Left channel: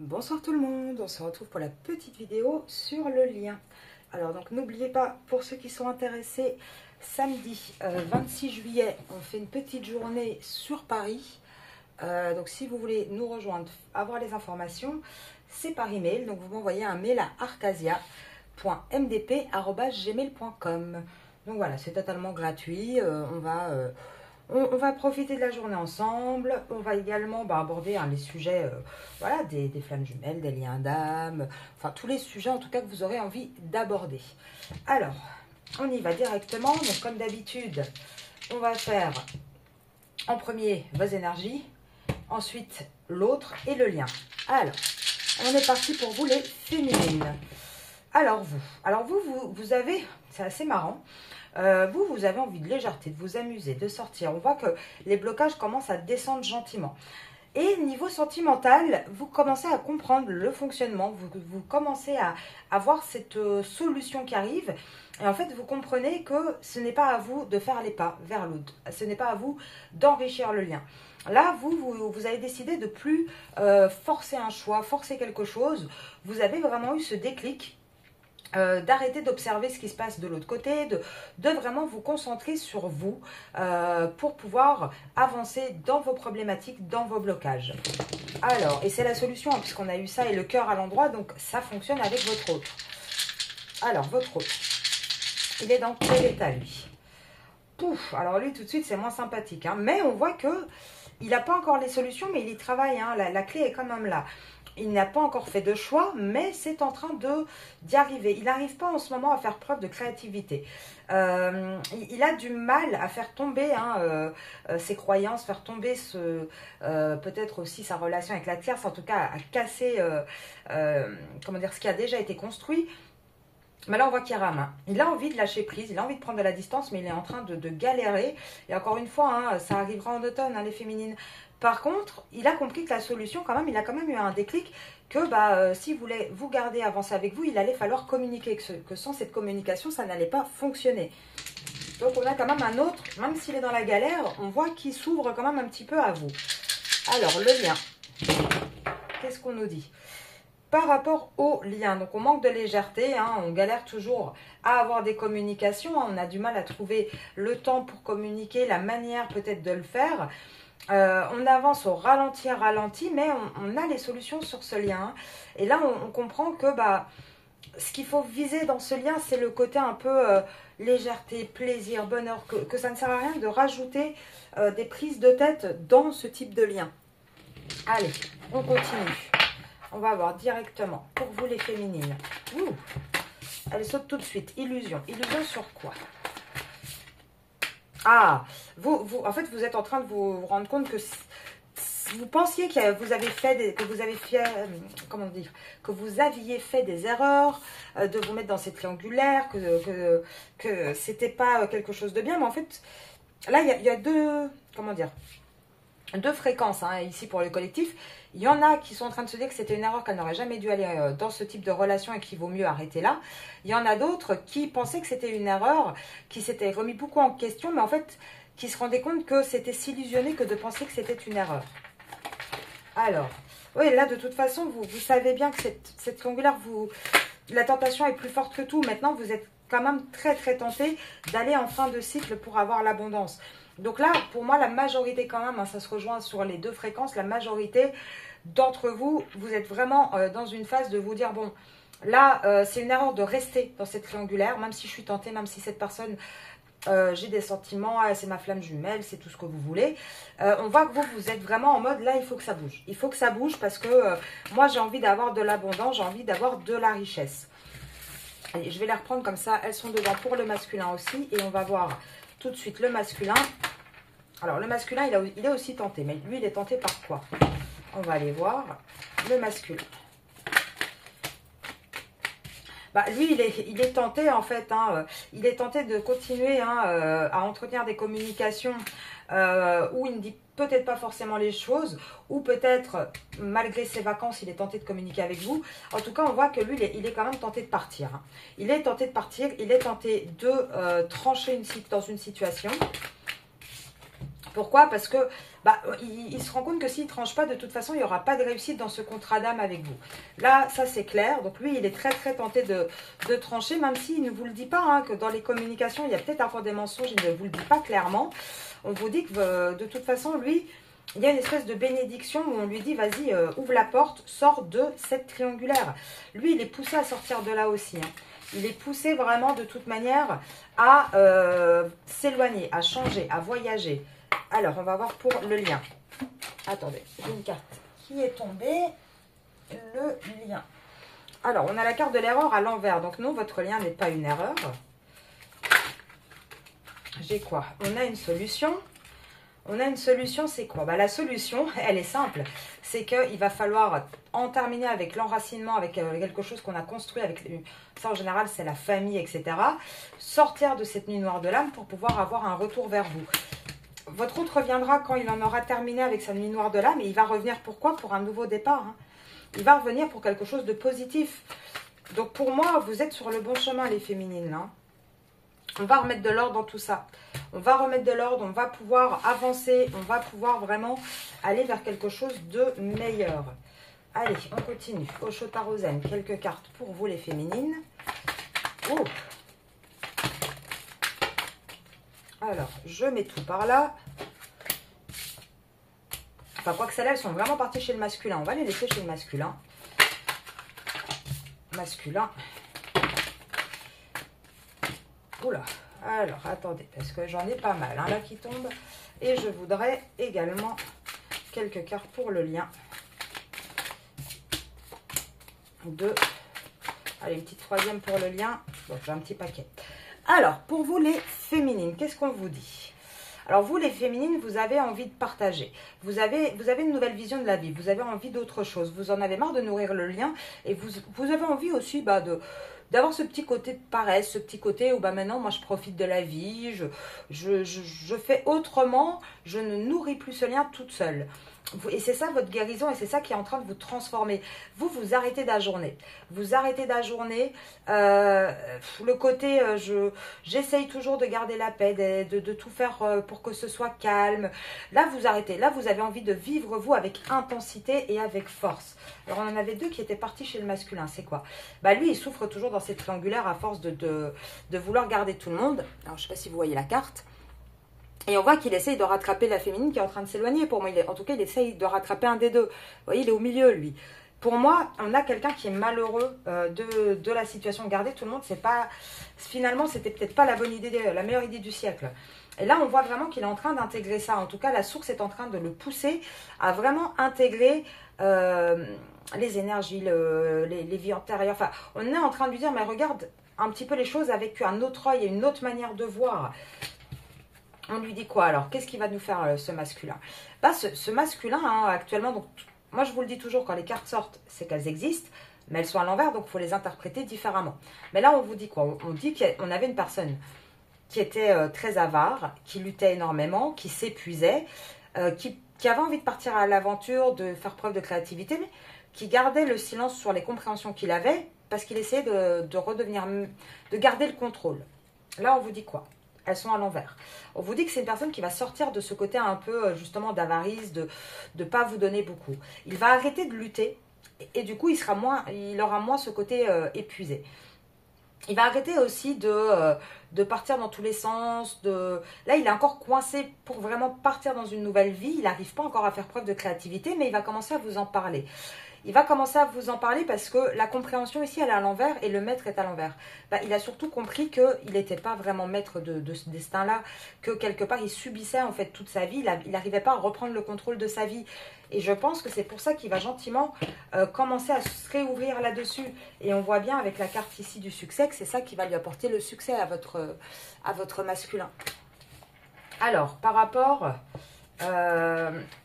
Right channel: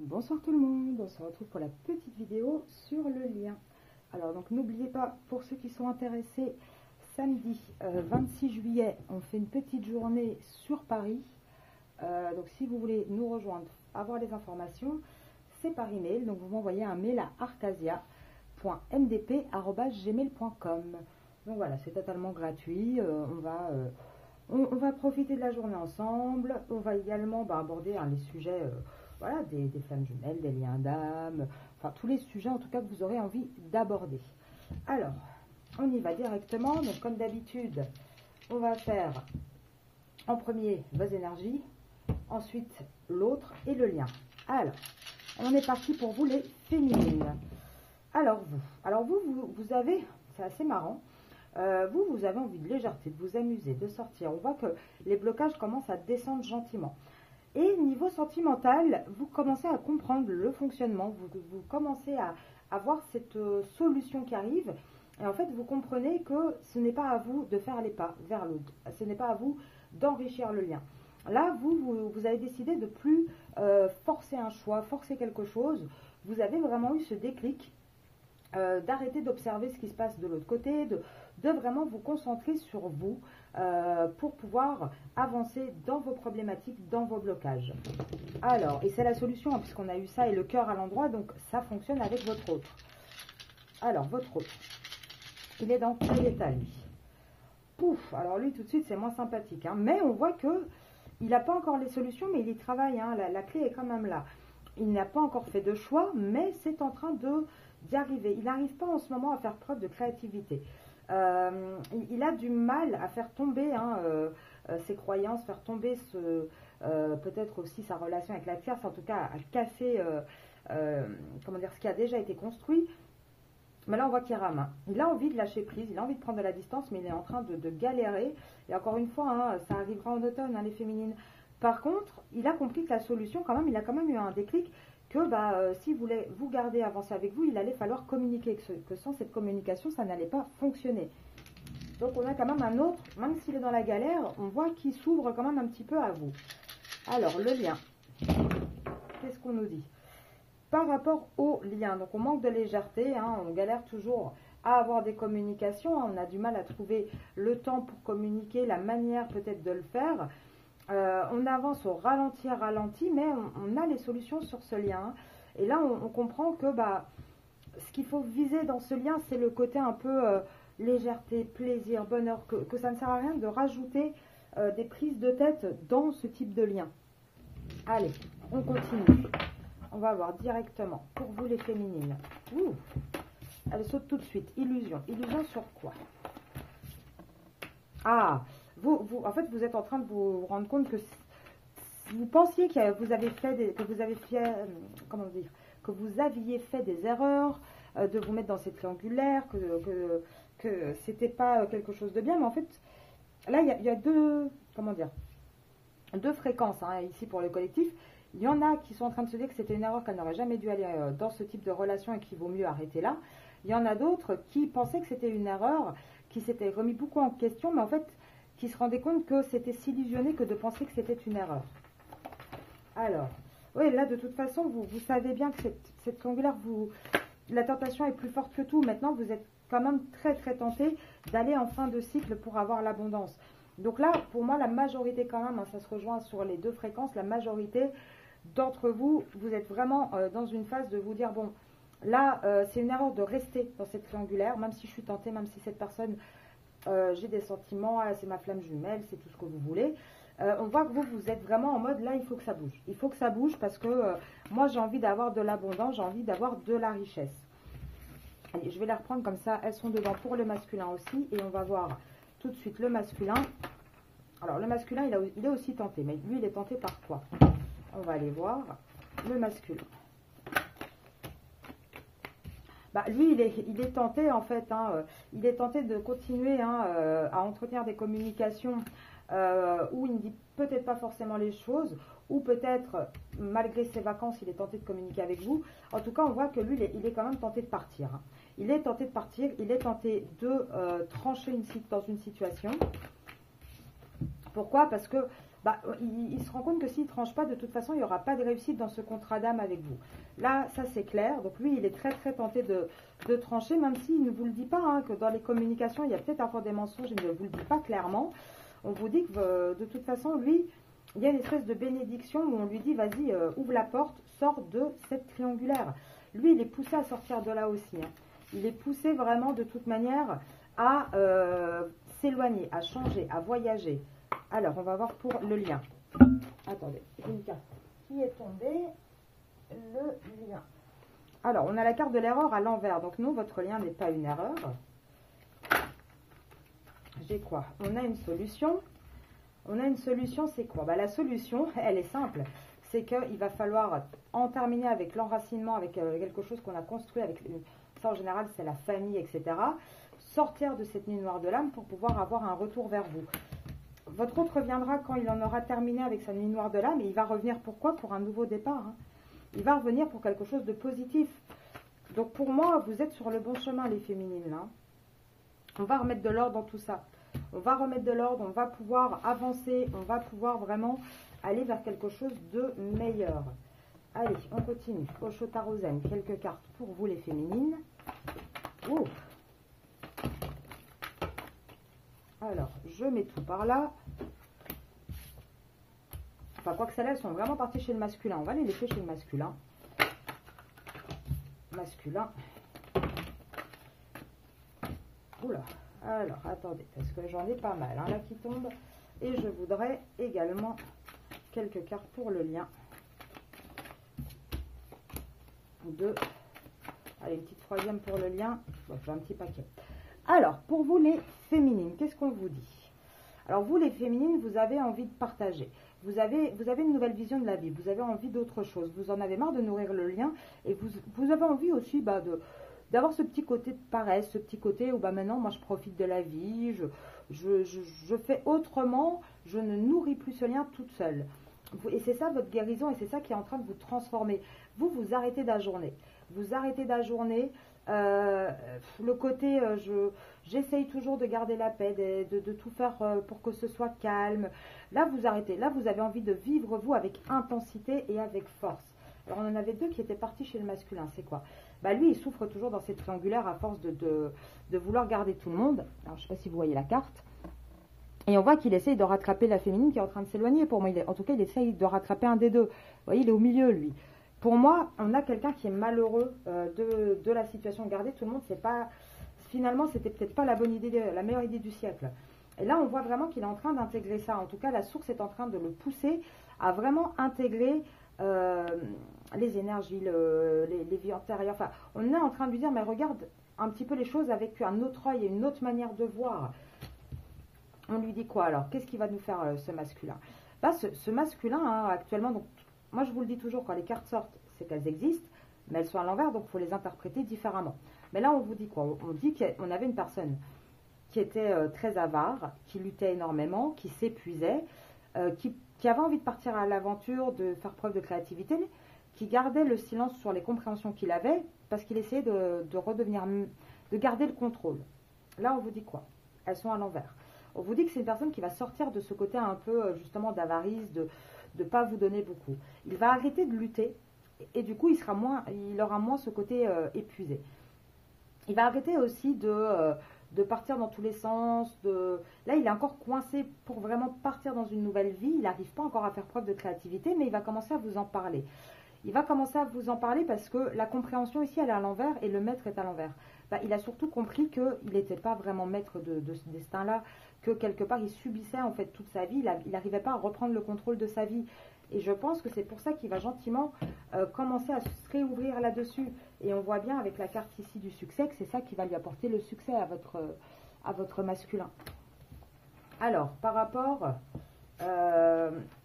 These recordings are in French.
Bonsoir tout le monde, on se retrouve pour la petite vidéo sur le lien. Alors donc n'oubliez pas, pour ceux qui sont intéressés, samedi 26 juillet, on fait une petite journée sur Paris. Donc si vous voulez nous rejoindre, avoir les informations, c'est par email. Donc vous m'envoyez un mail à arcasia.mdp@gmail.com. Donc voilà, c'est totalement gratuit. On va profiter de la journée ensemble. On va également aborder les sujets voilà, des flammes jumelles, des liens d'âme, enfin tous les sujets en tout cas que vous aurez envie d'aborder. Alors, on y va directement. Donc comme d'habitude, on va faire en premier vos énergies, ensuite l'autre et le lien. Alors, on est parti pour vous les féminines. Alors vous avez, c'est assez marrant. Vous avez envie de légèreté, de vous amuser, de sortir. On voit que les blocages commencent à descendre gentiment. Et niveau sentimental, vous commencez à comprendre le fonctionnement, vous commencez à voir cette solution qui arrive. Et en fait, vous comprenez que ce n'est pas à vous de faire les pas vers l'autre. Ce n'est pas à vous d'enrichir le lien. Là, vous avez décidé de plus forcer un choix, forcer quelque chose. Vous avez vraiment eu ce déclic d'arrêter d'observer ce qui se passe de l'autre côté, de vraiment vous concentrer sur vous pour pouvoir avancer dans vos problématiques, dans vos blocages. Alors, et c'est la solution, hein, puisqu'on a eu ça et le cœur à l'endroit, donc ça fonctionne avec votre autre. Alors, votre autre, il est dans quel état, lui? Pouf, alors lui, tout de suite, c'est moins sympathique, hein, mais on voit que il n'a pas encore les solutions, mais il y travaille, hein, la clé est quand même là. Il n'a pas encore fait de choix, mais c'est en train d'y arriver. Il n'arrive pas en ce moment à faire preuve de créativité. Il a du mal à faire tomber ses croyances, faire tomber peut-être aussi sa relation avec la tierce, en tout cas à casser comment dire, ce qui a déjà été construit. Mais là, on voit qu'il rame, hein. Il a envie de lâcher prise, il a envie de prendre de la distance, mais il est en train de galérer. Et encore une fois, hein, ça arrivera en automne, hein, les féminines. Par contre, il a compris que la solution, quand même, il a quand même eu un déclic que s'il voulait vous garder, avancer avec vous, il allait falloir communiquer, que sans cette communication, ça n'allait pas fonctionner. Donc on a quand même un autre, même s'il est dans la galère, on voit qu'il s'ouvre quand même un petit peu à vous. Alors, le lien, qu'est-ce qu'on nous dit par rapport au lien? Donc on manque de légèreté, hein, on galère toujours à avoir des communications, hein, on a du mal à trouver le temps pour communiquer, la manière peut-être de le faire. On avance au ralenti, mais on a les solutions sur ce lien. Et là, on comprend que ce qu'il faut viser dans ce lien, c'est le côté un peu légèreté, plaisir, bonheur, que ça ne sert à rien de rajouter des prises de tête dans ce type de lien. Allez, on continue. On va voir directement pour vous les féminines. Ouh, elle saute tout de suite. Illusion. Illusion sur quoi? Ah, en fait, vous êtes en train de vous rendre compte que vous pensiez que vous avez fait comment dire, que vous aviez fait des erreurs, de vous mettre dans ces triangulaires, que c'était pas quelque chose de bien, mais en fait, là, il y a deux, comment dire, deux fréquences, hein, ici pour le collectif. Il y en a qui sont en train de se dire que c'était une erreur, qu'elle n'aurait jamais dû aller dans ce type de relation et qu'il vaut mieux arrêter là. Il y en a d'autres qui pensaient que c'était une erreur, qui s'étaient remis beaucoup en question, mais en fait, qui se rendaient compte que c'était s'illusionner que de penser que c'était une erreur. Alors, oui, là, de toute façon, vous savez bien que cette triangulaire, la tentation est plus forte que tout. Maintenant, vous êtes quand même très, très tenté d'aller en fin de cycle pour avoir l'abondance. Donc là, pour moi, la majorité quand même, hein, ça se rejoint sur les deux fréquences, la majorité d'entre vous, vous êtes vraiment dans une phase de vous dire, bon, là, c'est une erreur de rester dans cette triangulaire, même si je suis tentée, même si cette personne, j'ai des sentiments, c'est ma flamme jumelle, c'est tout ce que vous voulez. On voit que vous êtes vraiment en mode, là, il faut que ça bouge. Il faut que ça bouge parce que moi, j'ai envie d'avoir de l'abondance, j'ai envie d'avoir de la richesse. Allez, je vais les reprendre comme ça, elles sont devant pour le masculin aussi, et on va voir tout de suite le masculin. Alors, le masculin, il est aussi tenté. Mais lui, il est tenté par quoi? On va aller voir le masculin. Lui, il est tenté, en fait. Hein, il est tenté de continuer à entretenir des communications où il ne dit peut-être pas forcément les choses. Ou peut-être, malgré ses vacances, il est tenté de communiquer avec vous. En tout cas, on voit que lui, il est quand même tenté de partir. Hein. Il est tenté de partir. Il est tenté de trancher dans une situation. Pourquoi? Parce que bah, il se rend compte que s'il ne tranche pas, de toute façon, il n'y aura pas de réussite dans ce contrat d'âme avec vous. Là, ça c'est clair. Donc lui, il est très très tenté de trancher, même s'il ne vous le dit pas, hein, que dans les communications, il y a peut-être encore des mensonges, il ne vous le dit pas clairement. On vous dit que de toute façon, lui, il y a une espèce de bénédiction où on lui dit, vas-y, ouvre la porte, sors de cette triangulaire. Lui, il est poussé à sortir de là aussi, hein. Il est poussé vraiment de toute manière à s'éloigner, à changer, à voyager. Alors, on va voir pour le lien. Attendez, une carte qui est tombée. Le lien. Alors, on a la carte de l'erreur à l'envers. Donc, non, votre lien n'est pas une erreur. J'ai quoi? On a une solution. On a une solution, c'est quoi? Bah, la solution, elle est simple. C'est qu'il va falloir en terminer avec l'enracinement, avec quelque chose qu'on a construit avec... Ça, en général, c'est la famille, etc. Sortir de cette nuit noire de l'âme pour pouvoir avoir un retour vers vous. Votre hôte reviendra quand il en aura terminé avec sa nuit noire de l'âme. Et il va revenir pourquoi? Pour un nouveau départ, hein. Il va revenir pour quelque chose de positif. Donc, pour moi, vous êtes sur le bon chemin, les féminines, hein. On va remettre de l'ordre dans tout ça. On va remettre de l'ordre, on va pouvoir avancer, on va pouvoir vraiment aller vers quelque chose de meilleur. Allez, on continue. Osho-Tarozen, quelques cartes pour vous les féminines. Oh. Alors, je mets tout par là. Enfin, quoi que celles-là, elles sont vraiment parties chez le masculin. On va les laisser chez le masculin. Masculin. Oula. Alors, attendez, parce que j'en ai pas mal, hein, là qui tombent. Et je voudrais également quelques cartes pour le lien. Deux. Allez, une petite troisième pour le lien. Bon, j'ai un petit paquet. Alors, pour vous les féminines, qu'est-ce qu'on vous dit? Alors, vous les féminines, vous avez envie de partager. Vous avez une nouvelle vision de la vie. Vous avez envie d'autre chose. Vous en avez marre de nourrir le lien. Et vous avez envie aussi d'avoir ce petit côté de paresse, ce petit côté où maintenant, moi, je profite de la vie. Je fais autrement. Je ne nourris plus ce lien toute seule. Et c'est ça votre guérison et c'est ça qui est en train de vous transformer. Vous arrêtez d'ajourner. Vous arrêtez d'ajourner. Le côté, j'essaye toujours de garder la paix, de tout faire pour que ce soit calme. Là, vous arrêtez. Là, vous avez envie de vivre, vous, avec intensité et avec force. Alors, on en avait deux qui étaient partis chez le masculin. C'est quoi? Bah, lui, il souffre toujours dans cette triangulaire à force de vouloir garder tout le monde. Alors, je ne sais pas si vous voyez la carte. Et on voit qu'il essaye de rattraper la féminine qui est en train de s'éloigner. Pour moi, en tout cas, il essaye de rattraper un des deux. Vous voyez, il est au milieu, lui. Pour moi, on a quelqu'un qui est malheureux de la situation. Garder tout le monde, c'est pas... Finalement, c'était peut-être pas la bonne idée, la meilleure idée du siècle. Et là, on voit vraiment qu'il est en train d'intégrer ça. En tout cas, la source est en train de le pousser à vraiment intégrer les énergies, les vies antérieures. Enfin, on est en train de lui dire, mais regarde un petit peu les choses avec un autre œil et une autre manière de voir. On lui dit quoi alors? Qu'est-ce qui va nous faire ce masculin? Bah, ce masculin, hein, actuellement, donc, moi je vous le dis toujours, quand les cartes sortent, c'est qu'elles existent, mais elles sont à l'envers, donc il faut les interpréter différemment. Mais là, on vous dit quoi? On dit qu'on avait une personne qui était très avare, qui luttait énormément, qui s'épuisait, qui avait envie de partir à l'aventure, de faire preuve de créativité, mais qui gardait le silence sur les compréhensions qu'il avait, parce qu'il essayait de garder le contrôle. Là, on vous dit quoi? Elles sont à l'envers. On vous dit que c'est une personne qui va sortir de ce côté un peu justement d'avarice, de ne pas vous donner beaucoup. Il va arrêter de lutter et du coup il aura moins ce côté épuisé. Il va arrêter aussi de partir dans tous les sens. Là, il est encore coincé pour vraiment partir dans une nouvelle vie. Il n'arrive pas encore à faire preuve de créativité, mais il va commencer à vous en parler. Il va commencer à vous en parler parce que la compréhension ici, elle est à l'envers et le maître est à l'envers. Bah, il a surtout compris qu'il n'était pas vraiment maître de ce destin-là, que quelque part, il subissait en fait toute sa vie. Il n'arrivait pas à reprendre le contrôle de sa vie. Et je pense que c'est pour ça qu'il va gentiment commencer à se réouvrir là-dessus. Et on voit bien avec la carte ici du succès que c'est ça qui va lui apporter le succès à votre masculin. Alors, par rapport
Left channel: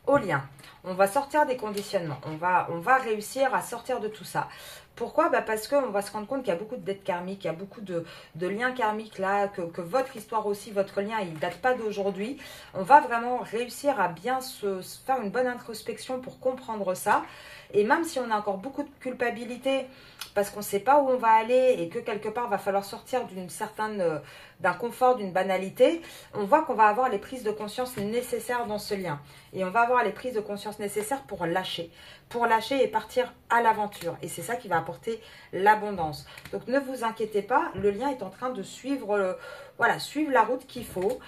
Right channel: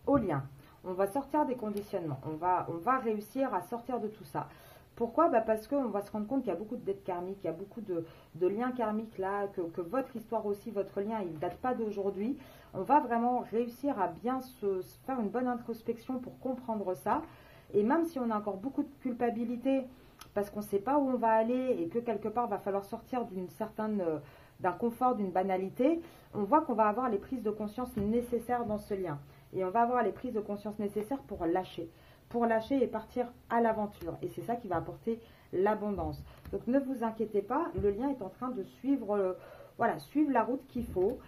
au lien, on va sortir des conditionnements. On va réussir à sortir de tout ça. Pourquoi? Bah parce qu'on va se rendre compte qu'il y a beaucoup de dettes karmiques, il y a beaucoup de liens karmiques là, que votre histoire aussi, votre lien, il ne date pas d'aujourd'hui. On va vraiment réussir à bien se faire une bonne introspection pour comprendre ça. Et même si on a encore beaucoup de culpabilité, parce qu'on ne sait pas où on va aller et que quelque part, va falloir sortir d'une certaine, d'un confort, d'une banalité, on voit qu'on va avoir les prises de conscience nécessaires dans ce lien. Et on va avoir les prises de conscience nécessaires pour lâcher. Pour lâcher et partir à l'aventure. Et c'est ça qui va apporter l'abondance. Donc ne vous inquiétez pas, le lien est en train de suivre, voilà, suivre la route qu'il faut.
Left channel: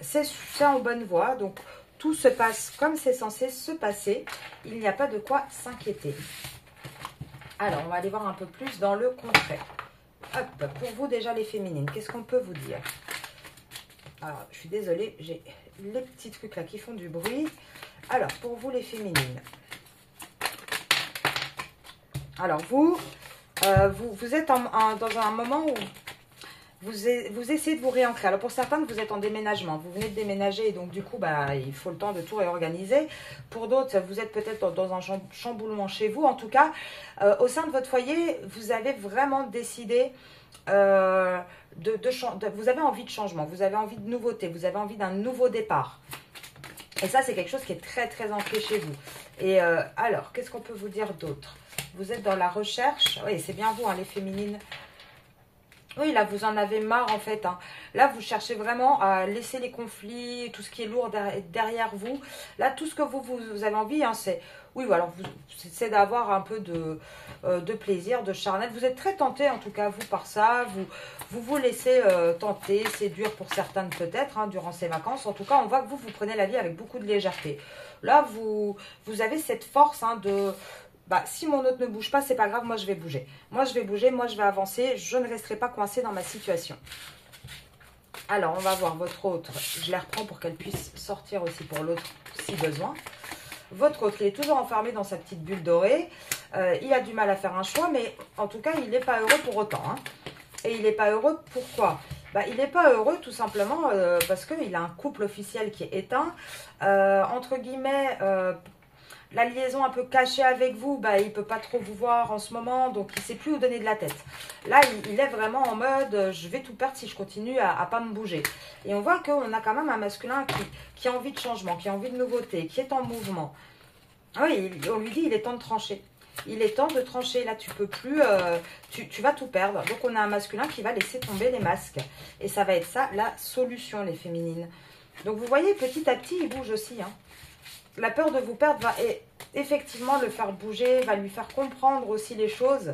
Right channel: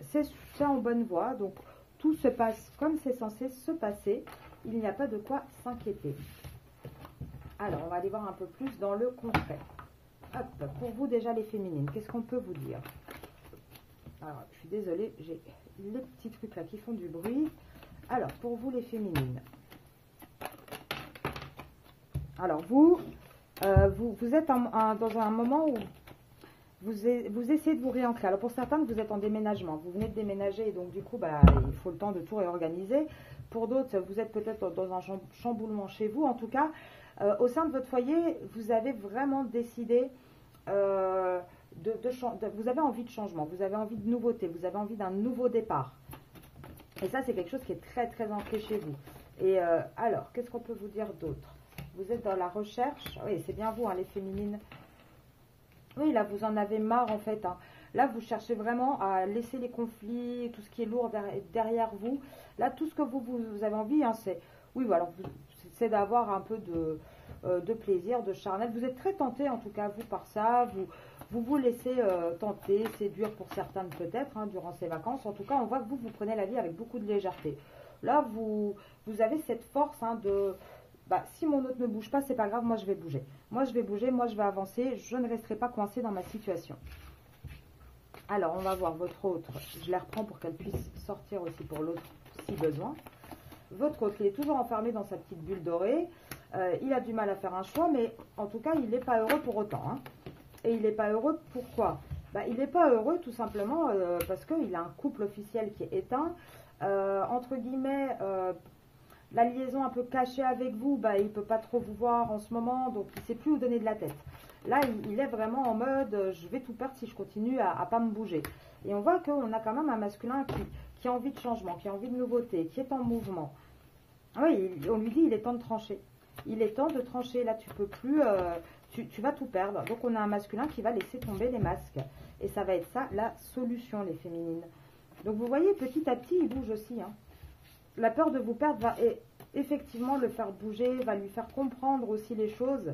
C'est en bonne voie. Donc tout se passe comme c'est censé se passer. Il n'y a pas de quoi s'inquiéter. Alors, on va aller voir un peu plus dans le concret. Hop, pour vous déjà les féminines, qu'est-ce qu'on peut vous dire? Alors, je suis désolée, j'ai les petits trucs là qui font du bruit. Alors, pour vous les féminines. Alors, vous êtes dans un moment où vous essayez de vous réancrer. Alors, pour certaines, vous êtes en déménagement. Vous venez de déménager et donc, du coup, il faut le temps de tout réorganiser. Pour d'autres, vous êtes peut-être dans un chamboulement chez vous. En tout cas, au sein de votre foyer, vous avez vraiment décidé vous avez envie de changement, vous avez envie de nouveauté, vous avez envie d'un nouveau départ. Et ça, c'est quelque chose qui est très, très ancré chez vous. Et alors, qu'est-ce qu'on peut vous dire d'autre? Vous êtes dans la recherche. Oui, c'est bien vous, hein, les féminines. Oui, là, vous en avez marre, en fait. Hein. Là, vous cherchez vraiment à laisser les conflits, tout ce qui est lourd derrière vous. Là, tout ce que vous avez envie, hein, c'est... Oui, voilà, c'est d'avoir un peu de plaisir, de charnel. Vous êtes très tenté, en tout cas, vous, par ça. Vous laissez tenter. C'est dur pour certaines, peut-être, hein, durant ces vacances. En tout cas, on voit que vous prenez la vie avec beaucoup de légèreté. Là, vous avez cette force hein, de... si mon autre ne bouge pas, c'est pas grave, moi je vais bouger. Moi je vais bouger, moi je vais avancer, je ne resterai pas coincée dans ma situation. Alors, on va voir votre autre. Je les reprends pour qu'elle puisse sortir aussi pour l'autre si besoin. Votre autre, il est toujours enfermé dans sa petite bulle dorée. Il a du mal à faire un choix, mais en tout cas, il n'est pas heureux pour autant. Hein. Et il n'est pas heureux pourquoi? Il n'est pas heureux tout simplement parce qu'il a un couple officiel qui est éteint. Entre guillemets... la liaison un peu cachée avec vous, il ne peut pas trop vous voir en ce moment, donc il ne sait plus où donner de la tête. Là, il est vraiment en mode, je vais tout perdre si je continue à ne pas me bouger. Et on voit qu'on a quand même un masculin qui a envie de changement, qui a envie de nouveauté, qui est en mouvement. Oui, on lui dit, il est temps de trancher. Il est temps de trancher, là tu peux plus, tu vas tout perdre. Donc on a un masculin qui va laisser tomber les masques. Et ça va être ça, la solution, les féminines. Donc vous voyez, petit à petit, il bouge aussi, hein. La peur de vous perdre va effectivement le faire bouger, va lui faire comprendre aussi les choses.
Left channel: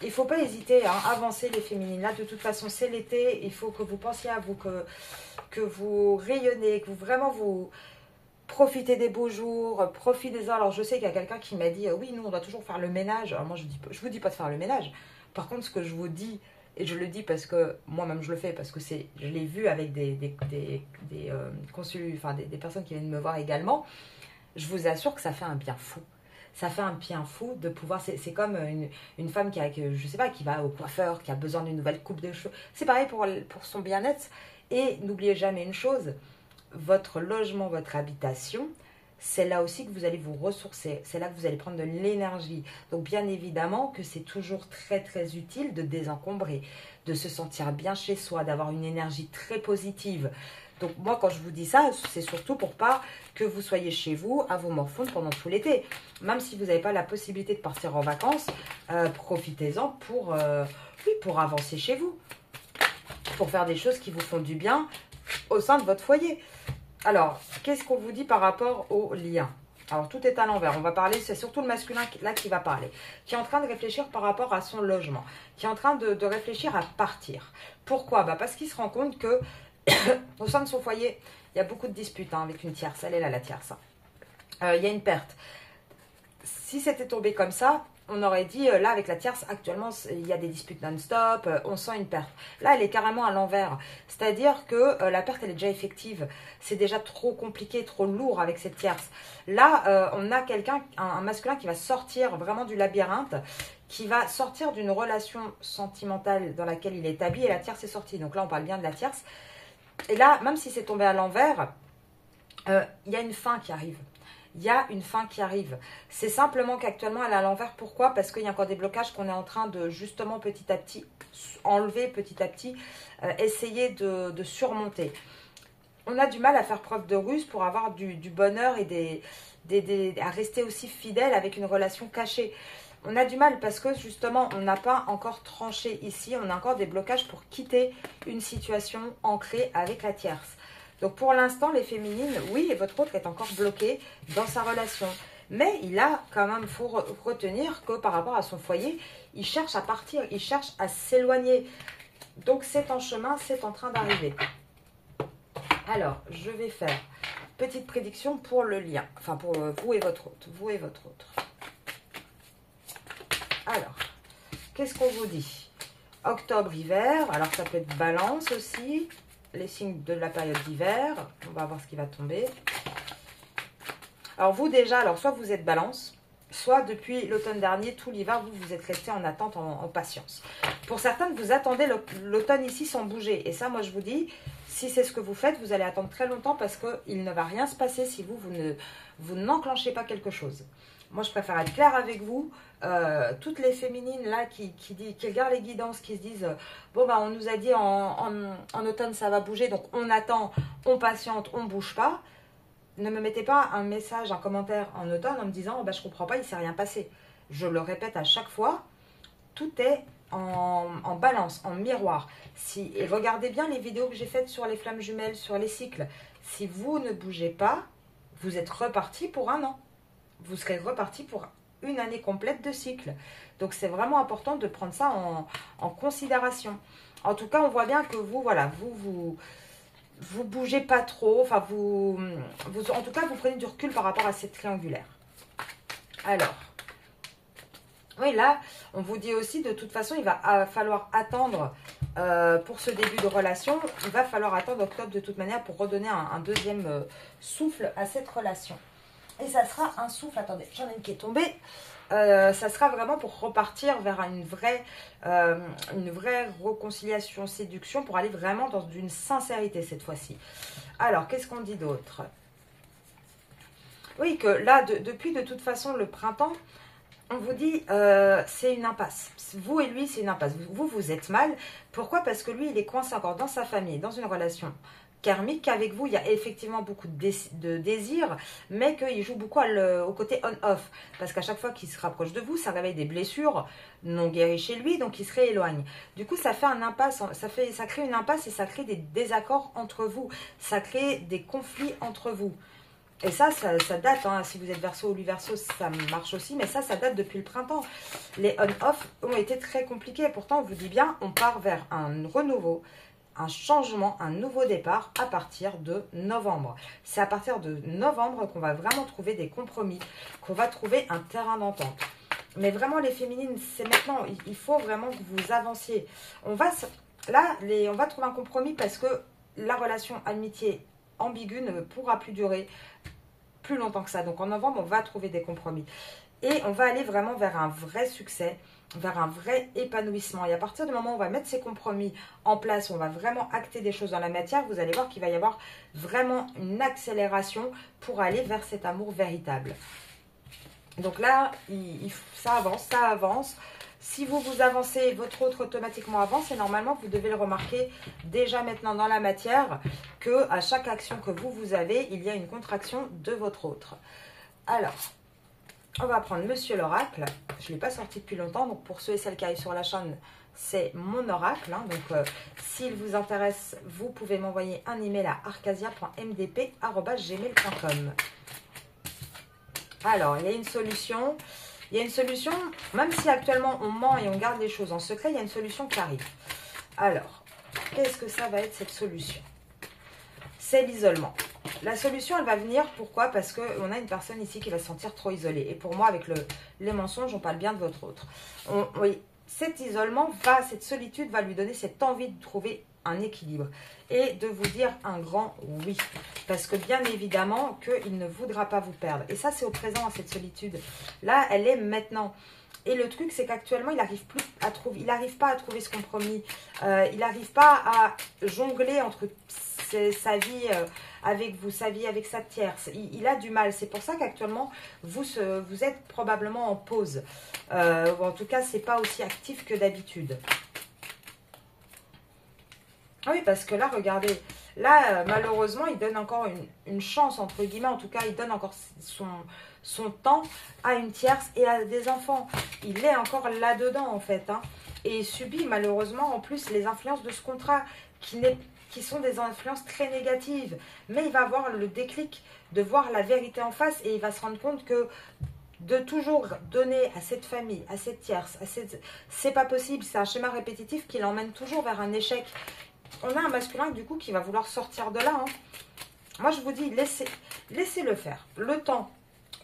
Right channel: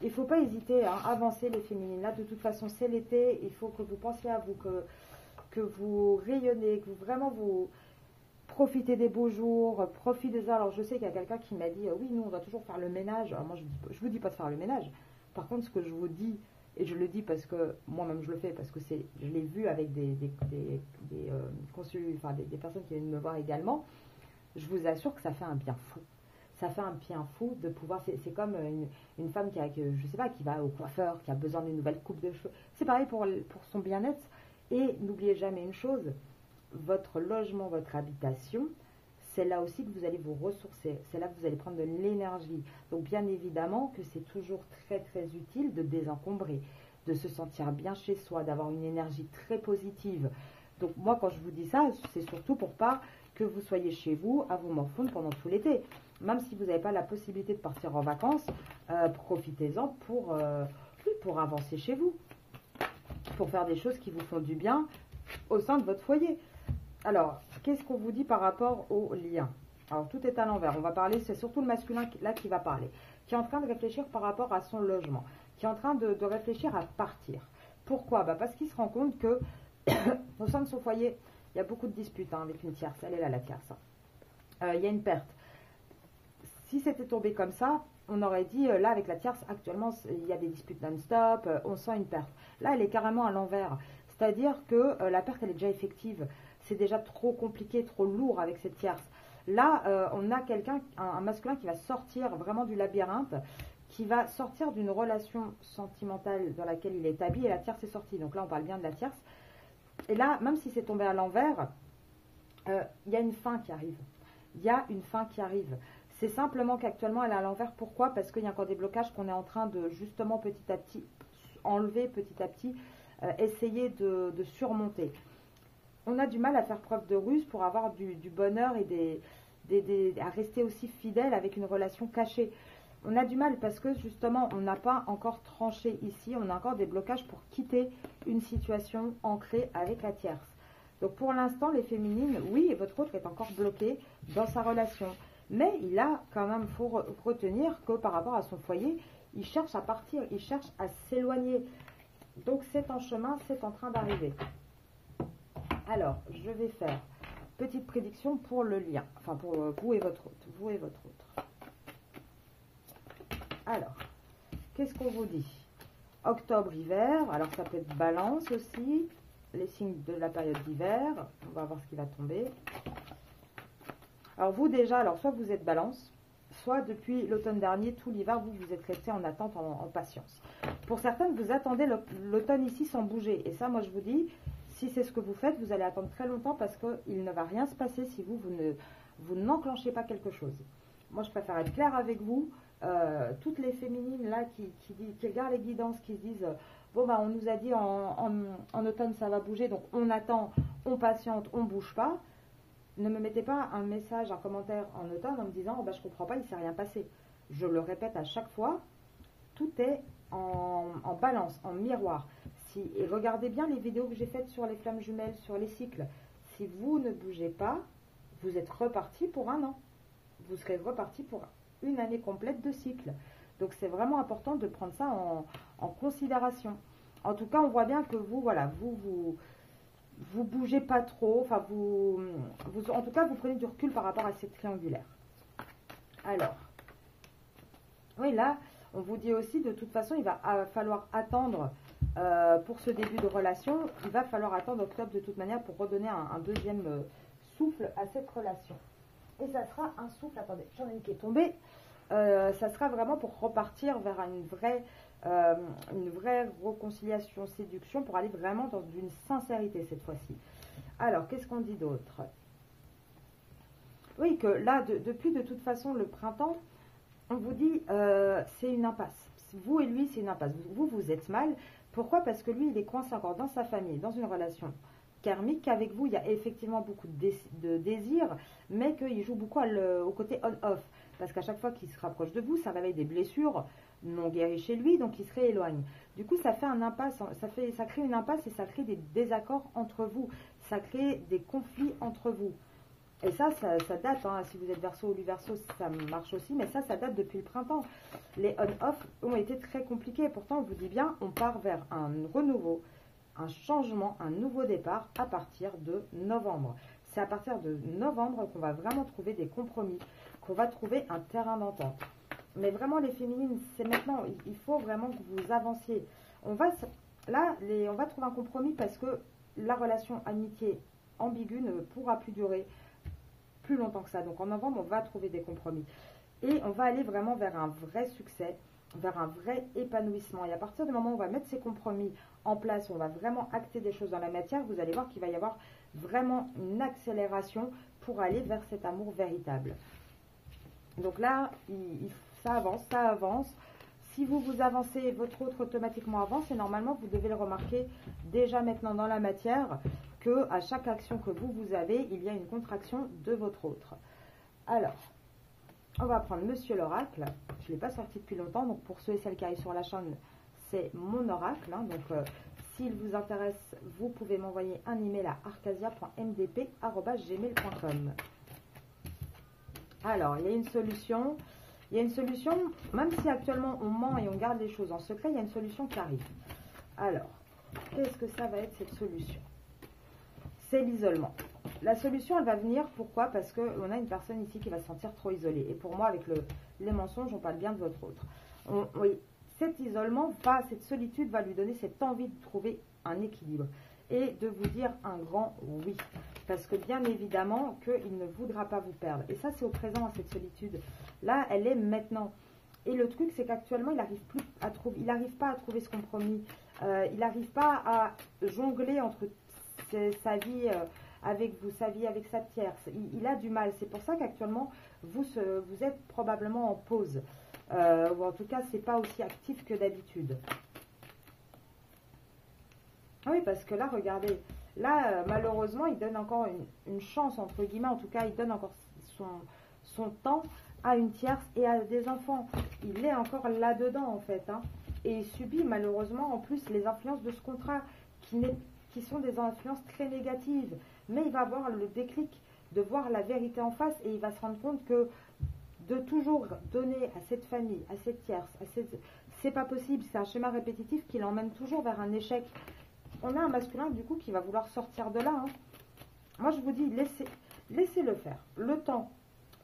Il ne faut pas hésiter à avancer les féminines. Là, de toute façon, c'est l'été. Il faut que vous pensiez à vous, que vous rayonnez, que vous profitez des beaux jours, profitez-en. Alors, je sais qu'il y a quelqu'un qui m'a dit, oui, nous, on doit toujours faire le ménage. Alors, moi, je vous dis pas de faire le ménage. Par contre, ce que je vous dis, et je le dis parce que moi-même je le fais, parce que je l'ai vu avec des personnes qui viennent me voir également. Je vous assure que ça fait un bien fou. Ça fait un bien fou de pouvoir... C'est comme une femme je sais pas, qui va au coiffeur, qui a besoin d'une nouvelle coupe de cheveux. C'est pareil pour son bien-être. Et n'oubliez jamais une chose, votre logement, votre habitation, c'est là aussi que vous allez vous ressourcer. C'est là que vous allez prendre de l'énergie. Donc bien évidemment que c'est toujours très très utile de désencombrer, de se sentir bien chez soi, d'avoir une énergie très positive. Donc moi, quand je vous dis ça, c'est surtout pour pas que vous soyez chez vous à vous morfondre pendant tout l'été. Même si vous n'avez pas la possibilité de partir en vacances, profitez-en pour avancer chez vous. Pour faire des choses qui vous font du bien au sein de votre foyer. Alors, qu'est-ce qu'on vous dit par rapport au lien? Alors, tout est à l'envers. On va parler, c'est surtout le masculin là qui va parler. Qui est en train de réfléchir par rapport à son logement. Qui est en train de réfléchir à partir. Pourquoi? Parce qu'il se rend compte que au sein de son foyer, il y a beaucoup de disputes avec une tierce. Elle est là, la tierce. Il y a une perte. Si c'était tombé comme ça, on aurait dit, là, avec la tierce, actuellement, il y a des disputes non-stop, on sent une perte. Là, elle est carrément à l'envers. C'est-à-dire que la perte, elle est déjà effective. C'est déjà trop compliqué, trop lourd avec cette tierce. Là, on a quelqu'un, un masculin qui va sortir vraiment du labyrinthe, qui va sortir d'une relation sentimentale dans laquelle il est établi, et la tierce est sortie. Donc là, on parle bien de la tierce. Et là, même si c'est tombé à l'envers, il y a une fin qui arrive. Il y a une fin qui arrive. C'est simplement qu'actuellement, elle est à l'envers. Pourquoi? Parce qu'il y a encore des blocages qu'on est en train de, justement, petit à petit, enlever, petit à petit, essayer de surmonter. On a du mal à faire preuve de ruse pour avoir du bonheur et à rester aussi fidèle avec une relation cachée. On a du mal parce que justement, on n'a pas encore tranché ici. On a encore des blocages pour quitter une situation ancrée avec la tierce. Donc pour l'instant, les féminines, oui, votre autre est encore bloqué dans sa relation. Mais il a quand même, faut retenir que par rapport à son foyer, il cherche à partir, il cherche à s'éloigner. Donc c'est en chemin, c'est en train d'arriver. Alors, je vais faire petite prédiction pour le lien. Enfin, pour vous et votre autre. Vous et votre autre. Alors, qu'est-ce qu'on vous dit? Octobre, hiver. Alors, ça peut être balance aussi. Les signes de la période d'hiver. On va voir ce qui va tomber. Alors, vous déjà, alors soit vous êtes balance, soit depuis l'automne dernier, tout l'hiver, vous êtes resté en attente, en patience. Pour certaines, vous attendez l'automne ici sans bouger. Et ça, moi, je vous dis, si c'est ce que vous faites, vous allez attendre très longtemps parce qu'il ne va rien se passer si vous n'enclenchez pas quelque chose. Moi, je préfère être claire avec vous. Toutes les féminines là qui regardent les guidances, qui se disent bon bah on nous a dit en automne ça va bouger, donc on attend, on patiente, on bouge pas. Ne me mettez pas un message, un commentaire en automne en me disant oh bah je comprends pas, il s'est rien passé. Je le répète à chaque fois, tout est en balance, en miroir. Et regardez bien les vidéos que j'ai faites sur les flammes jumelles, sur les cycles. Si vous ne bougez pas, vous êtes reparti pour un an. Vous serez reparti pour une année complète de cycle. Donc c'est vraiment important de prendre ça en considération. En tout cas, on voit bien que vous, voilà, vous bougez pas trop. Enfin, en tout cas, vous prenez du recul par rapport à cette triangulaire. Alors, oui, là, on vous dit aussi, de toute façon, il va falloir attendre pour ce début de relation. Il va falloir attendre octobre de toute manière pour redonner un deuxième souffle à cette relation. Et ça sera un souffle, attendez, j'en ai une qui est tombée. Ça sera vraiment pour repartir vers une vraie réconciliation, séduction, pour aller vraiment dans une sincérité cette fois-ci. Alors, qu'est-ce qu'on dit d'autre? Oui, que là, depuis de toute façon le printemps, on vous dit c'est une impasse. Vous et lui, c'est une impasse. Vous êtes mal. Pourquoi? Parce que lui, il est coincé encore dans sa famille, dans une relation karmique, qu'avec vous, il y a effectivement beaucoup de désir, mais qu'il joue beaucoup au côté on-off. Parce qu'à chaque fois qu'il se rapproche de vous, ça réveille des blessures non guéries chez lui, donc il se rééloigne. Du coup, ça fait un impasse, ça crée une impasse et ça crée des désaccords entre vous. Ça crée des conflits entre vous. Et ça date, hein. Si vous êtes Verseau ou lui Verseau, ça marche aussi, mais ça date depuis le printemps. Les on-off ont été très compliqués. Pourtant, on vous dit bien, on part vers un renouveau, un changement, un nouveau départ à partir de novembre. C'est à partir de novembre qu'on va vraiment trouver des compromis, qu'on va trouver un terrain d'entente. Mais vraiment, les féminines, c'est maintenant, il faut vraiment que vous avanciez. On va trouver un compromis parce que la relation amitié ambiguë ne pourra plus durer plus longtemps que ça. Donc en novembre, on va trouver des compromis. Et on va aller vraiment vers un vrai succès, vers un vrai épanouissement. Et à partir du moment où on va mettre ces compromis en place, on va vraiment acter des choses dans la matière, vous allez voir qu'il va y avoir vraiment une accélération pour aller vers cet amour véritable. Donc là, ça avance. Si vous avancez, votre autre automatiquement avance et normalement, vous devez le remarquer déjà maintenant dans la matière que à chaque action que vous avez, il y a une contraction de votre autre. Alors, on va prendre Monsieur l'Oracle. Je ne l'ai pas sorti depuis longtemps, donc pour ceux et celles qui arrivent sur la chaîne, c'est mon oracle. Hein. Donc, s'il vous intéresse, vous pouvez m'envoyer un email à arcasia.mdp@gmail.com. Alors, il y a une solution. Il y a une solution, même si actuellement on ment et on garde les choses en secret, il y a une solution qui arrive. Alors, qu'est-ce que ça va être cette solution? C'est l'isolement. La solution, elle va venir, pourquoi? Parce qu'on a une personne ici qui va se sentir trop isolée. Et pour moi, avec les mensonges, on parle bien de votre autre. Oui, cet isolement, cette solitude va lui donner cette envie de trouver un équilibre. Et de vous dire un grand oui. Parce que bien évidemment qu'il ne voudra pas vous perdre. Et ça, c'est au présent, cette solitude. Là, elle est maintenant. Et le truc, c'est qu'actuellement, il n'arrive pas à trouver ce compromis. Il n'arrive pas à jongler entre sa vie avec vous, sa vie avec sa tierce. Il a du mal. C'est pour ça qu'actuellement, vous êtes probablement en pause. Ou en tout cas, ce n'est pas aussi actif que d'habitude. Oui, parce que là, regardez, Là, malheureusement, il donne encore une chance, entre guillemets, en tout cas, il donne encore son temps à une tierce et à des enfants. Il est encore là-dedans, en fait. Hein. Et il subit, malheureusement, en plus, les influences de ce contrat qui sont des influences très négatives. Mais il va avoir le déclic de voir la vérité en face et il va se rendre compte que de toujours donner à cette famille, à cette tierce, c'est pas possible, c'est un schéma répétitif qui l'emmène toujours vers un échec. On a un masculin du coup qui va vouloir sortir de là. Hein. Moi je vous dis, laissez-le faire. Le temps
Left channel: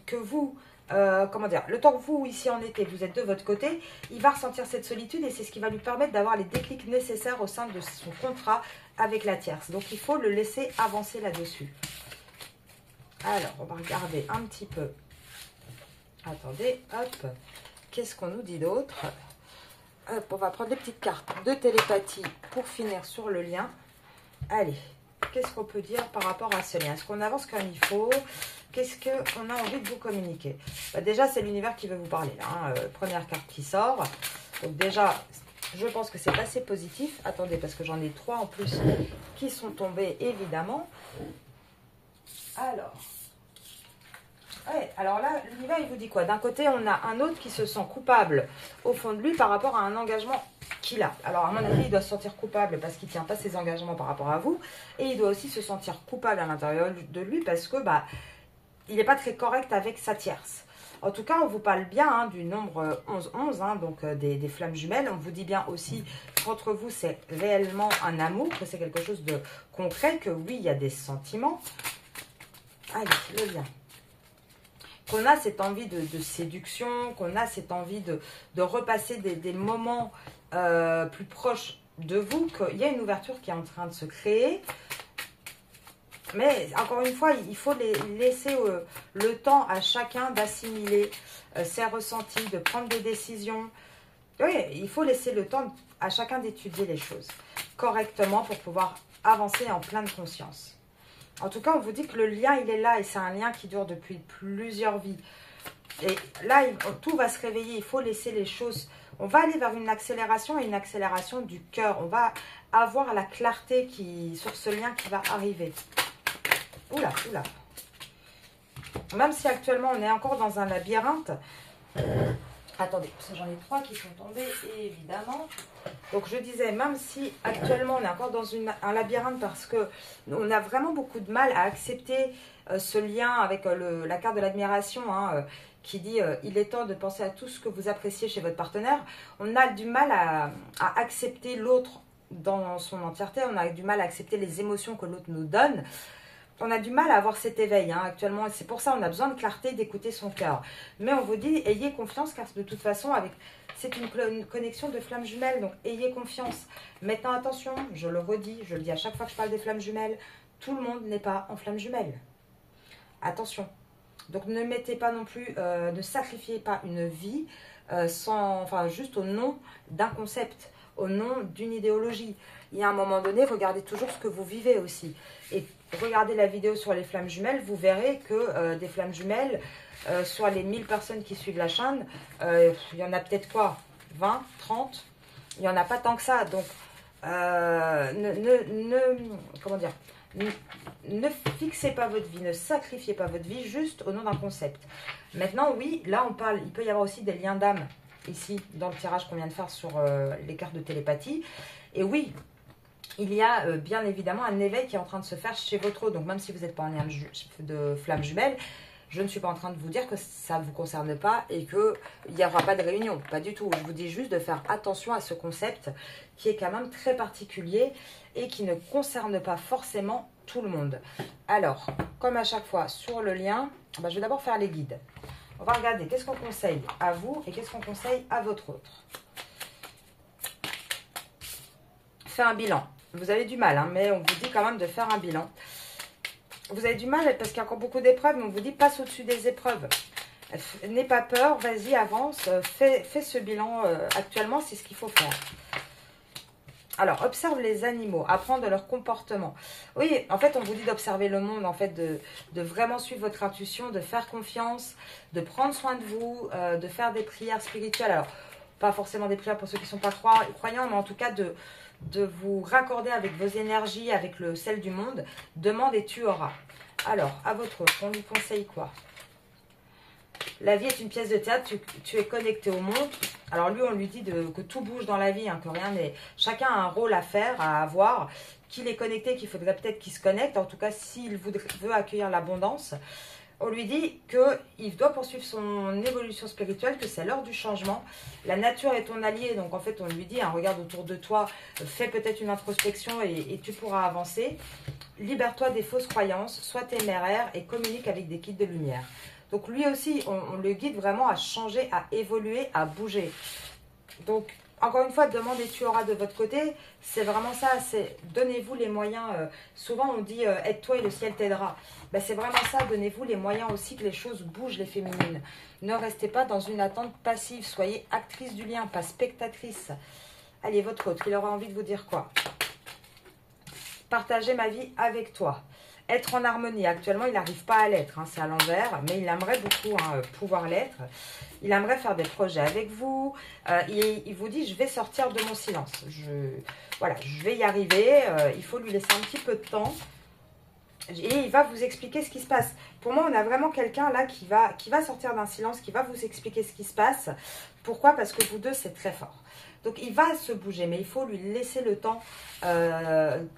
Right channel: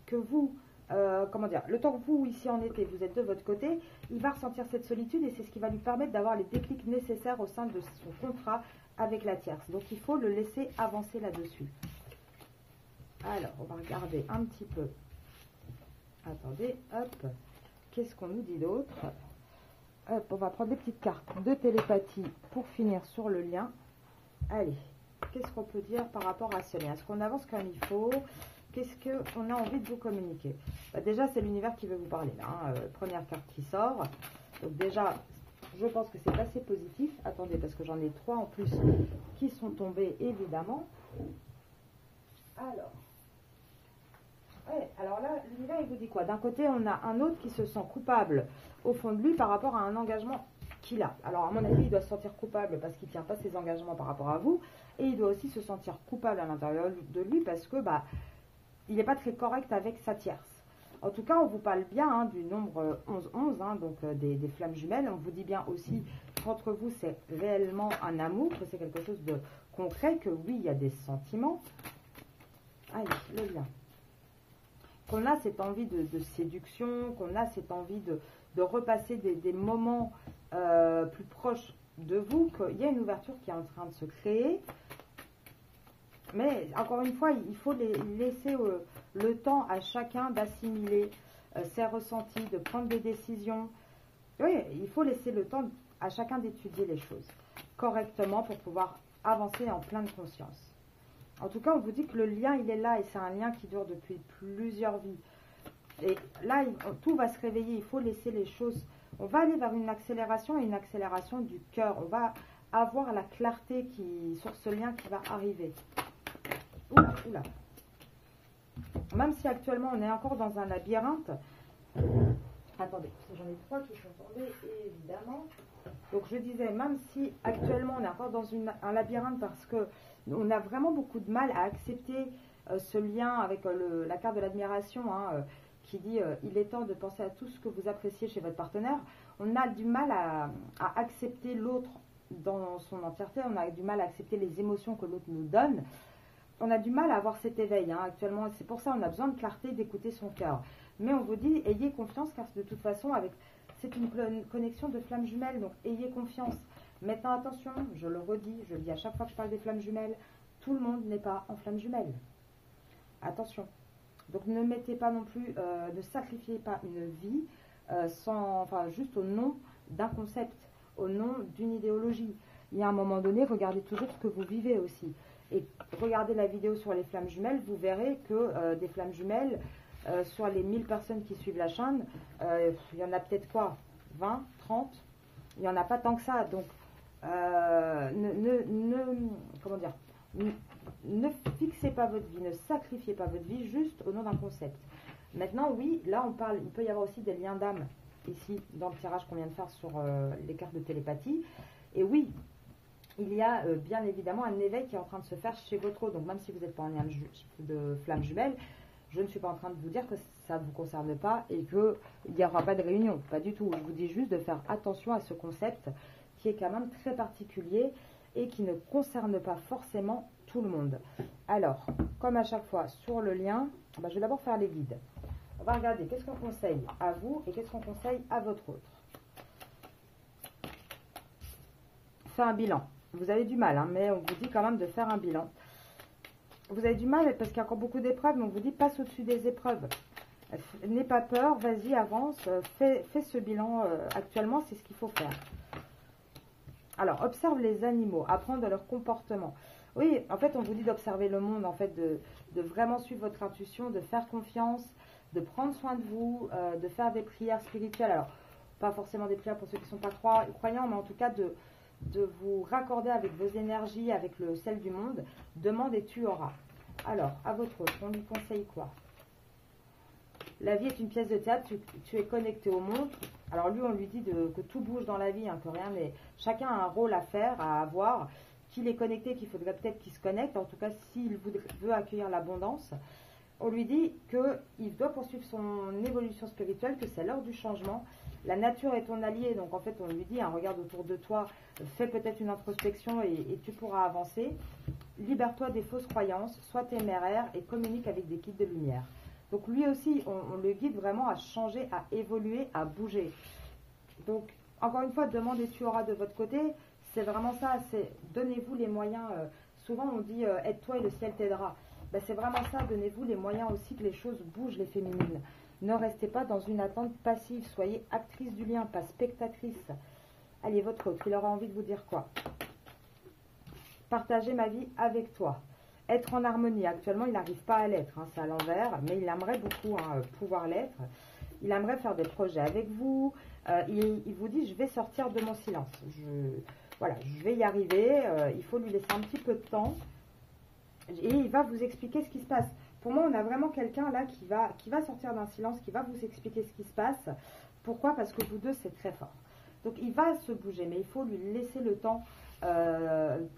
que vous, le temps que vous ici en été, vous êtes de votre côté, il va ressentir cette solitude et c'est ce qui va lui permettre d'avoir les déclics nécessaires au sein de son contrat avec la tierce. Donc il faut le laisser avancer là-dessus. Alors on va regarder un petit peu. Attendez, hop, qu'est-ce qu'on nous dit d'autre? Hop, on va prendre les petites cartes de télépathie pour finir sur le lien. Allez, qu'est-ce qu'on peut dire par rapport à ce lien? Est-ce qu'on avance comme il faut? Qu'est-ce qu'on a envie de vous communiquer? Déjà, c'est l'univers qui veut vous parler. Là, hein. Première carte qui sort. Donc déjà, je pense que c'est assez positif. Attendez, parce que j'en ai 3 en plus qui sont tombés, évidemment. Alors... Ouais, alors là, l'univers, il vous dit quoi? D'un côté, on a un autre qui se sent coupable au fond de lui par rapport à un engagement qu'il a. Alors, à mon avis, il doit se sentir coupable parce qu'il ne tient pas ses engagements par rapport à vous. Et il doit aussi se sentir coupable à l'intérieur de lui parce que il n'est pas très correct avec sa tierce. En tout cas, on vous parle bien hein, du nombre 11-11, hein, donc des flammes jumelles. On vous dit bien aussi qu'entre vous, c'est réellement un amour, que c'est quelque chose de concret, que oui, il y a des sentiments. Allez, le lien. Qu'on a cette envie de séduction, qu'on a cette envie de repasser des moments plus proches de vous, qu'il y a une ouverture qui est en train de se créer. Mais encore une fois, il faut laisser le temps à chacun d'assimiler ses ressentis, de prendre des décisions. Oui, il faut laisser le temps à chacun d'étudier les choses correctement pour pouvoir avancer en pleine conscience. En tout cas, on vous dit que le lien, il est là et c'est un lien qui dure depuis plusieurs vies. Et là, tout va se réveiller. Il faut laisser les choses... On va aller vers une accélération et une accélération du cœur. On va avoir la clarté sur ce lien qui va arriver. Oula, oula. Même si actuellement, on est encore dans un labyrinthe. Attendez, parce que j'en ai 3 qui sont tombés, évidemment. Donc je disais, même si actuellement on est encore dans un labyrinthe parce qu'on a vraiment beaucoup de mal à accepter ce lien avec la carte de l'admiration hein, qui dit il est temps de penser à tout ce que vous appréciez chez votre partenaire. On a du mal à accepter l'autre dans son entièreté, on a du mal à accepter les émotions que l'autre nous donne. On a du mal à avoir cet éveil hein, actuellement. C'est pour ça qu'on a besoin de clarté, d'écouter son cœur. Mais on vous dit, ayez confiance car de toute façon, c'est une connexion de flammes jumelles. Donc, ayez confiance. Maintenant, attention, je le redis, je le dis à chaque fois que je parle des flammes jumelles, tout le monde n'est pas en flammes jumelles. Attention. Donc, ne mettez pas non plus, ne sacrifiez pas une vie juste au nom d'un concept, au nom d'une idéologie. Il y a un moment donné, regardez toujours ce que vous vivez aussi. Et regardez la vidéo sur les flammes jumelles, vous verrez que des flammes jumelles, sur les 1000 personnes qui suivent la chaîne, il y en a peut-être quoi 20, 30 Il n'y en a pas tant que ça. Donc, ne fixez pas votre vie, ne sacrifiez pas votre vie juste au nom d'un concept. Maintenant, oui, là on parle, il peut y avoir aussi des liens d'âme ici dans le tirage qu'on vient de faire sur les cartes de télépathie. Et oui, il y a bien évidemment un éveil qui est en train de se faire chez votre autre. Donc même si vous n'êtes pas en lien de flamme jumelle, je ne suis pas en train de vous dire que ça ne vous concerne pas et qu'il n'y aura pas de réunion. Pas du tout. Je vous dis juste de faire attention à ce concept qui est quand même très particulier et qui ne concerne pas forcément tout le monde. Alors, comme à chaque fois sur le lien, je vais d'abord faire les guides. On va regarder qu'est-ce qu'on conseille à vous et qu'est-ce qu'on conseille à votre autre. Faire un bilan. Vous avez du mal, hein, mais on vous dit quand même de faire un bilan. Vous avez du mal parce qu'il y a encore beaucoup d'épreuves, mais on vous dit passe au-dessus des épreuves. N'aie pas peur, vas-y, avance, fais ce bilan actuellement, c'est ce qu'il faut faire. Alors, observe les animaux, apprends de leur comportement. Oui, en fait, on vous dit d'observer le monde, en fait, de vraiment suivre votre intuition, de faire confiance, de prendre soin de vous, de faire des prières spirituelles. Alors, pas forcément des prières pour ceux qui ne sont pas croyants, mais en tout cas de vous raccorder avec vos énergies, avec celle du monde. Demande et tu auras. Alors, à votre autre, on lui conseille quoi? La vie est une pièce de théâtre, tu es connecté au monde. Alors lui, on lui dit que tout bouge dans la vie, hein, que rien n'est... Chacun a un rôle à faire, à avoir, qu'il est connecté, qu'il faudrait peut-être qu'il se connecte. En tout cas, s'il veut accueillir l'abondance, on lui dit qu'il doit poursuivre son évolution spirituelle, que c'est l'heure du changement. La nature est ton allié, donc en fait, on lui dit, hein, regarde autour de toi, fais peut-être une introspection et tu pourras avancer. Libère-toi des fausses croyances, sois téméraire et communique avec des guides de lumière. Donc lui aussi, on le guide vraiment à changer, à évoluer, à bouger. Donc, encore une fois, demande et tu auras de votre côté. C'est vraiment ça, c'est donnez-vous les moyens. Souvent, on dit aide-toi et le ciel t'aidera. Ben, c'est vraiment ça, donnez-vous les moyens aussi que les choses bougent, les féminines. Ne restez pas dans une attente passive. Soyez actrice du lien, pas spectatrice. Allez, votre autre, il aura envie de vous dire quoi? Partager ma vie avec toi. Être en harmonie. Actuellement, il n'arrive pas à l'être, hein, c'est à l'envers, mais il aimerait beaucoup pouvoir l'être. Il aimerait faire des projets avec vous. Il vous dit, je vais sortir de mon silence. Voilà, je vais y arriver. Il faut lui laisser un petit peu de temps. Et il va vous expliquer ce qui se passe. Pour moi, on a vraiment quelqu'un là qui va sortir d'un silence, qui va vous expliquer ce qui se passe. Pourquoi? Parce que vous deux, c'est très fort. Donc, il va se bouger, mais il faut lui laisser le temps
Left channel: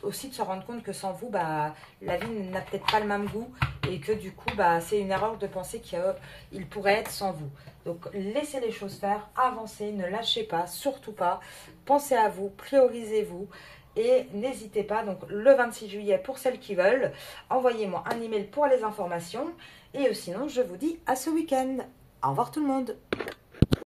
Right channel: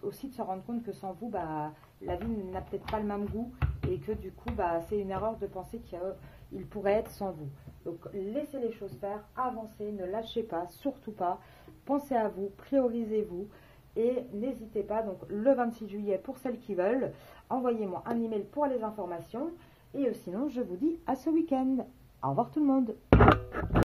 aussi de se rendre compte que sans vous, bah, la vie n'a peut-être pas le même goût et que du coup, bah, c'est une erreur de penser qu'il pourrait être sans vous. Donc, laissez les choses faire, avancez, ne lâchez pas, surtout pas. Pensez à vous, priorisez-vous. Et n'hésitez pas, donc le 26 juillet pour celles qui veulent, envoyez-moi un email pour les informations. Et sinon, je vous dis à ce week-end. Au revoir tout le monde.